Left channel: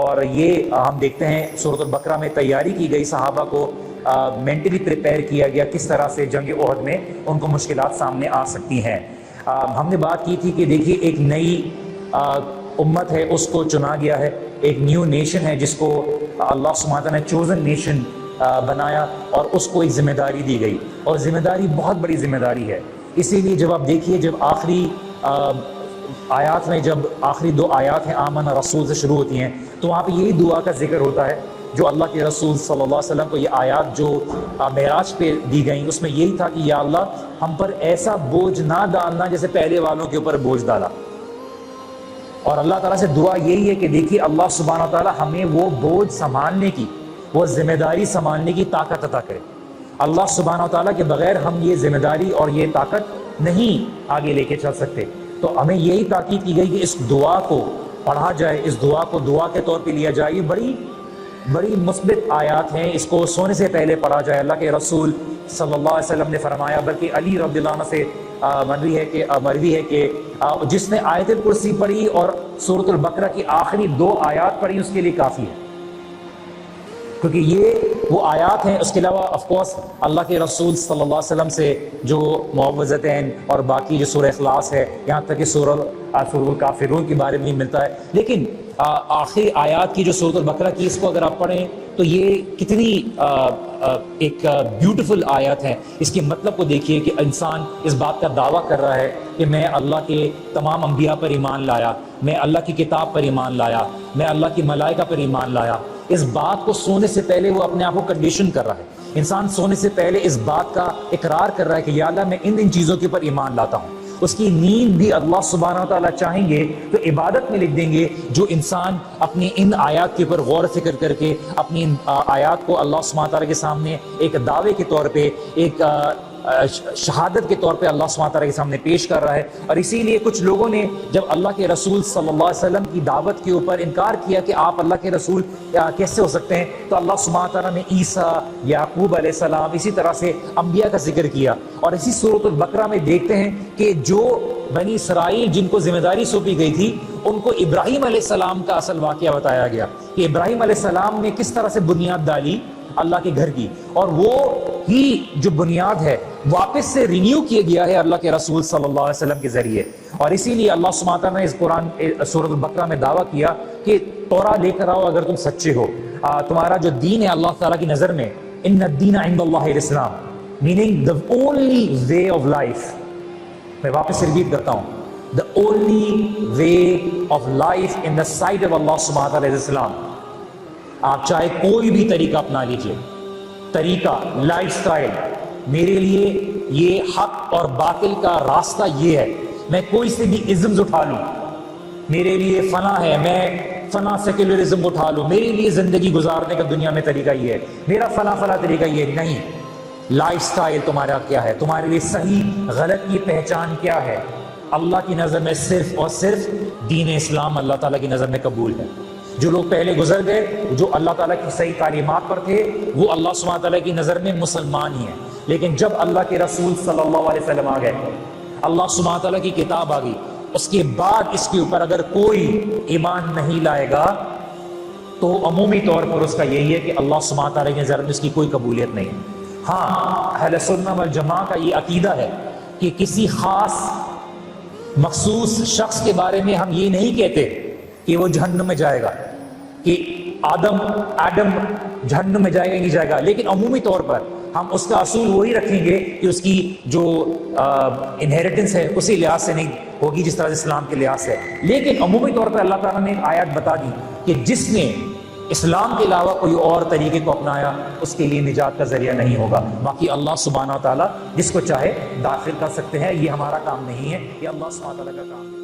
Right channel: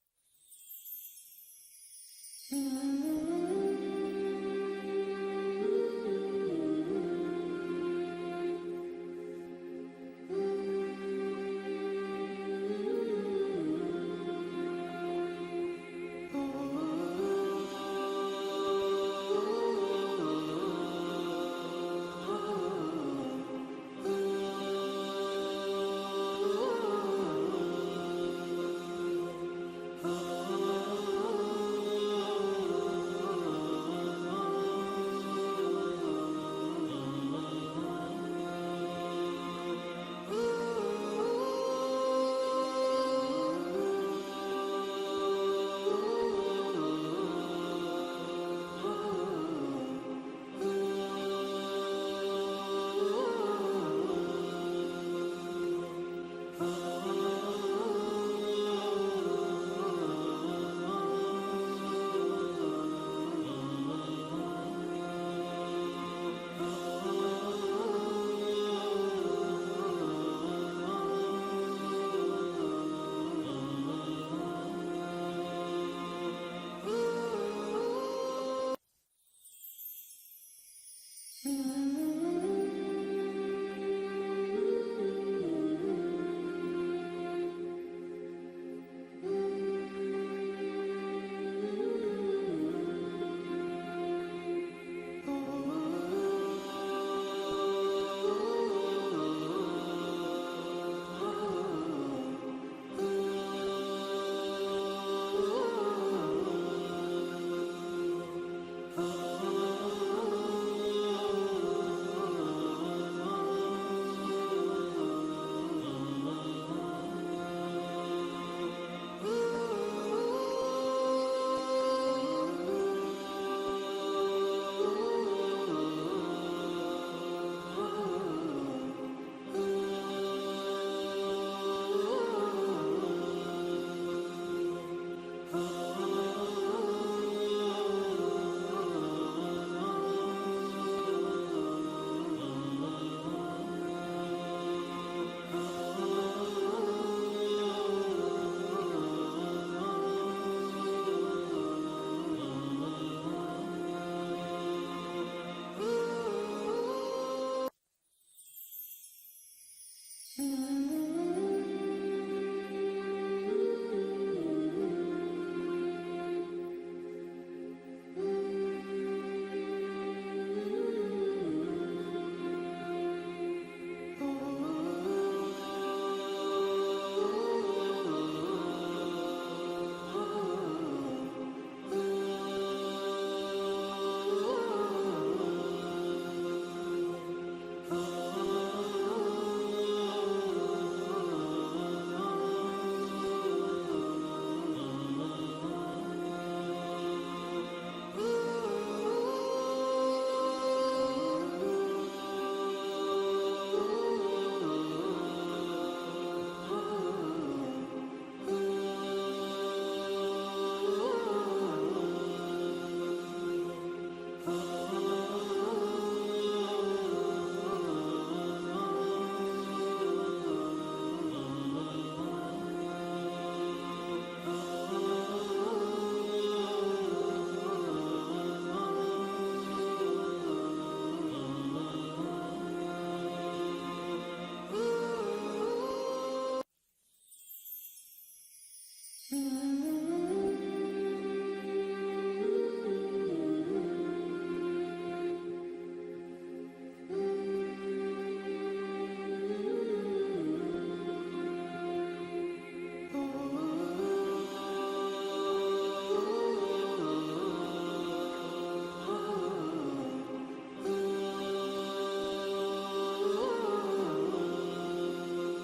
اور یہ ہم دیکھتے ہیں سورۃ البقرہ میں تیاری کی گئی، صحابہ کو مینٹلی پریپیئر کیا گیا کس طرح سے جنگ احد میں ان کو مشکلات سامنے آ سکتی ہیں۔ ہم نے بات کی تھی کہ دیکھیے ایک نئی امت ہے، اس کو چنا گیا ہے، ایک نیو نیشن ہے جس کو اللہ سبحانہ وتعالیٰ نے چوزن نیشن بنایا، اور اس کو ایک ذمہ داری دی گئی، اور ذمہ داری بہت بڑی ذمہ داری ہے۔ اسی لیے جب آپ دیکھیے، جب آخری آیات میں، جب آخری 2 آیات ہیں آمن رسول سے شروع ہوتی ہیں، تو وہاں پہ یہی دعا کا ذکر ہوتا ہے جو اللہ کے رسول صلی اللہ علیہ وسلم کو یہ آیات جو معراج پہ دی گئیں، اس میں یہی تھا کہ یا اللہ ہم پر ایسا بوجھ نہ ڈالنا جیسے پہلے والوں کے اوپر بوجھ ڈالا۔ اور اللہ تعالیٰ سے دعا یہی ہے کہ دیکھیے اللہ سبحانہ وتعالیٰ ہمیں وہ بوجھ سنبھالنے کی، وہ ذمہ داری سنبھالنے کی طاقت عطا کرے۔ اللہ سبحانہ وتعالیٰ کے بغیر ہم یہ ذمہ داری اور یہ طاقت نہیں آگے لے کے چل سکتے۔ تو ہمیں یہی تاکید کی گئی کہ اس دعا کو پڑھا جائے، اس دعا کو دعا کے طور پہ لیا جائے۔ یہ بڑی مثبت آیات ہیں، اس کو سونے سے پہلے پڑھا جائے۔ اللہ کے رسول صلی اللہ علیہ وسلم نے فرمایا، بلکہ علی رضی اللہ عنہ سے مروی ہے کہ جس نے آیت الکرسی پڑھی اور سورۃ البقرہ کی آخری 2 آیات پڑھی اس کے لیے کافی ہے، کیونکہ یہ وہ آیات ہیں۔ اس کے علاوہ آف کورس اللہ کے رسول صلی اللہ علیہ وسلم سے جو معوذتین اور باقی جو سورہ اخلاص ہے، یہاں تک کہ سورہ الکافرون کے بارے میں ملتا ہے، لیکن آخری آیات کی جو سورۃ البقرہ کی، اس کو اگر آپ پڑھیں تو یہ کتنی ایک بیوٹیفل آیات ہے۔ اس کے مطلب کو دیکھیے کہ انسان اس بات کا دعویٰ کر رہا ہے کہ میں اللہ کے تمام انبیاء پر ایمان لایا، میں اللہ کی کتاب پر ایمان لایا، میں اللہ کی ملائکہ پر ایمان لایا۔ اس بات کو سونے سے پہلے وہ اپنے آپ کو کنڈیشن کر رہا ہے۔ انسان سونے سے پہلے اس بات کا اقرار کر رہا ہے کہ یا اللہ میں ان چیزوں کے اوپر ایمان لاتا ہوں۔ اس کی نیند بھی اللہ سبحانہ وتعالیٰ چاہیں گے تو عبادت میں لکھ دیں گے، جو انسان اپنی ان آیات کے اوپر غور و فکر کر کے اپنی آیات کو اللہ سبحانہ وتعالیٰ کے سامنے ایک دعوے کے طور پہ، ایک شہادت کے طور پہ اللہ سبحانہ وتعالیٰ کے سامنے پیش کر رہا ہے۔ اور اسی لیے کچھ لوگوں نے جب اللہ کے رسول صلی اللہ علیہ وسلم کی دعوت کے اوپر انکار کیا کہ آپ اللہ کے رسول کیسے ہو سکتے ہیں، تو اللہ سبحانہ وتعالیٰ نے عیسیٰ، یعقوب علیہ السلام، اسی طرح سے انبیاء کا ذکر کیا۔ اور اسی سورۃ البقرہ میں دیکھتے ہیں کہ جو بنی اسرائیل جن کو ذمہ داری سونپی گئی تھی، ان کو ابراہیم علیہ السلام کا اصل واقعہ بتایا گیا کہ ابراہیم علیہ السلام نے کس طرح سے بنیاد ڈالی اللہ کے گھر کی، اور وہ ہی جو بنیاد ہے واپس سے رینیو کیا گیا ہے اللہ کے رسول صلی اللہ علیہ وسلم کے ذریعے۔ اور اسی لیے اللہ سبحانہ وتعالیٰ نے اس قرآن سورۃ البقرہ میں دعویٰ کیا کہ تورات لے کر آؤ اگر تم سچے ہو، تمہارا جو دین ہے اللہ تعالیٰ کی نظر میں، ان الدین عند اللہ الاسلام، meaning the only way of life۔ میں واپس ریپیٹ کرتا ہوں، the only way of life in the sight of Allah سبحانہ وتعالیٰ is Islam۔ آپ چاہے کوئی بھی طریقہ اپنا لیجئے، طریقہ، لائف سٹائل، میرے لیے یہ حق اور باطل کا راستہ یہ ہے۔ میں کوئی سے بھی ازمز اٹھا لوں، میرے لیے فنا ہے، میں فنا سیکولرزم اٹھا لوں، میرے لیے زندگی گزارنے کا دنیا میں طریقہ یہ ہے، میرا فنا طریقہ یہ نہیں۔ لائف سٹائل تمہارا کیا ہے، تمہارے لیے صحیح غلط کی پہچان کیا ہے؟ اللہ کی نظر میں صرف اور صرف دین اسلام اللہ تعالیٰ کی نظر میں قبول ہے۔ جو لوگ پہلے گزر گئے، جو اللہ تعالیٰ کی صحیح تعلیمات پر تھے، وہ اللہ سبحانہ تعالیٰ کی نظر میں مسلمان ہی ہیں۔ لیکن جب اللہ کے رسول صلی اللہ علیہ وسلم آ گئے، اللہ سبحانہ تعالیٰ کی کتاب آ گئی، اس کے بعد اس کے اوپر اگر کوئی ایمان نہیں لائے گا تو عمومی طور پر اس کا یہی ہے کہ اللہ سبحانہ تعالیٰ کی نظر میں اس کی کوئی قبولیت نہیں۔ ہاں، اہل سنت والجماعہ کا یہ عقیدہ ہے کہ کسی خاص مخصوص شخص کے بارے میں ہم یہ نہیں کہتے کہ وہ جہنم میں جائے گا، کہ آدم جہنم میں جائے گا نہیں جائے گا، لیکن عمومی طور پر ہم اس کا اصول وہی رکھیں گے کہ اس کی جو انہیریٹنس ہے اسی لحاظ سے نہیں ہوگی جس طرح اسلام کے لحاظ سے۔ لیکن عمومی طور پر اللہ تعالیٰ نے آیات بتا دی کہ جس نے اسلام کے علاوہ کوئی اور طریقے کو اپنایا اس کے لیے نجات کا ذریعہ نہیں ہوگا۔ باقی اللہ سبحانہ تعالیٰ جس کو چاہے داخل کر سکتے ہیں، یہ ہمارا کام نہیں ہے، یہ اللہ سبحانہ تعالیٰ کا کام ہے۔